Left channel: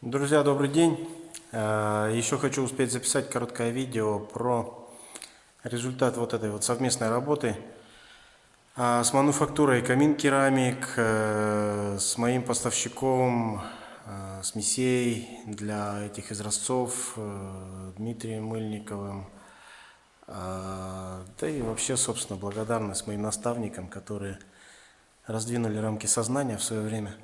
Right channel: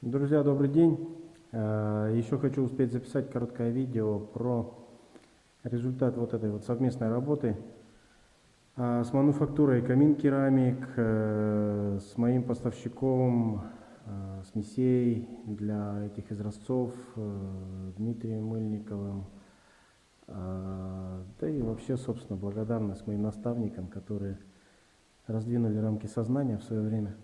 Друзья, добрый день! Еще хочу успеть записать короткое видео про результат вот этой вот совместной работы с мануфактурой Камин Керамик, с моим поставщиком, смесей для этих изразцов Дмитрием Мыльниковым. Да и вообще, собственно, благодарность моим наставникам, которые раздвинули рамки сознания в свое время.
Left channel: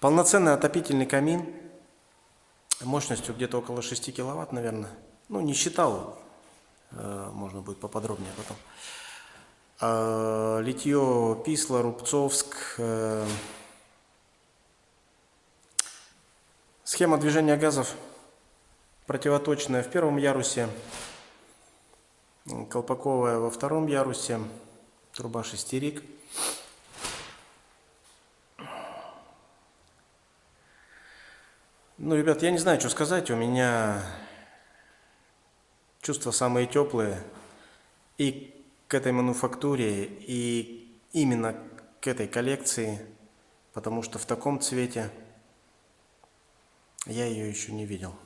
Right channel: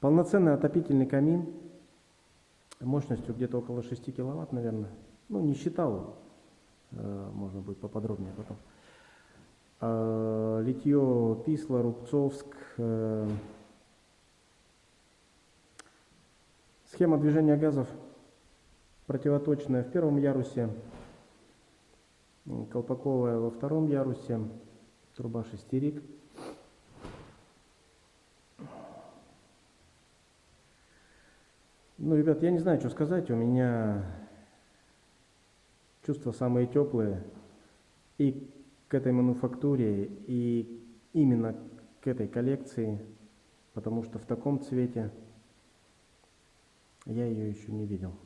Полноценный отопительный камин мощностью где-то около 6 киловатт, наверное. Ну, не считал, можно будет поподробнее потом. Литье Писла, Рубцовск. Схема движения газов противоточная в первом ярусе, колпаковая во втором ярусе, труба шестерик. Ну, ребят, я не знаю, что сказать. У меня чувства самые теплые и к этой мануфактуре, и именно к этой коллекции, потому что в таком цвете я ее еще не видел.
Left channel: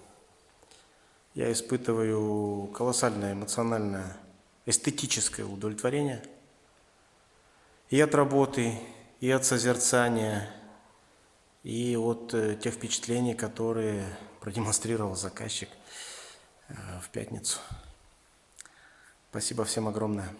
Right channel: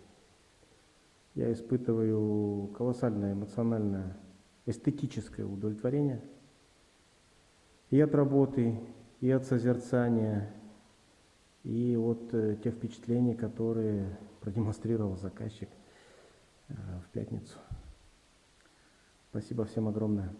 Я испытываю колоссальное эмоциональное, эстетическое удовлетворение и от работы, и от созерцания, и от тех впечатлений, которые продемонстрировал заказчик в пятницу. Спасибо всем огромное.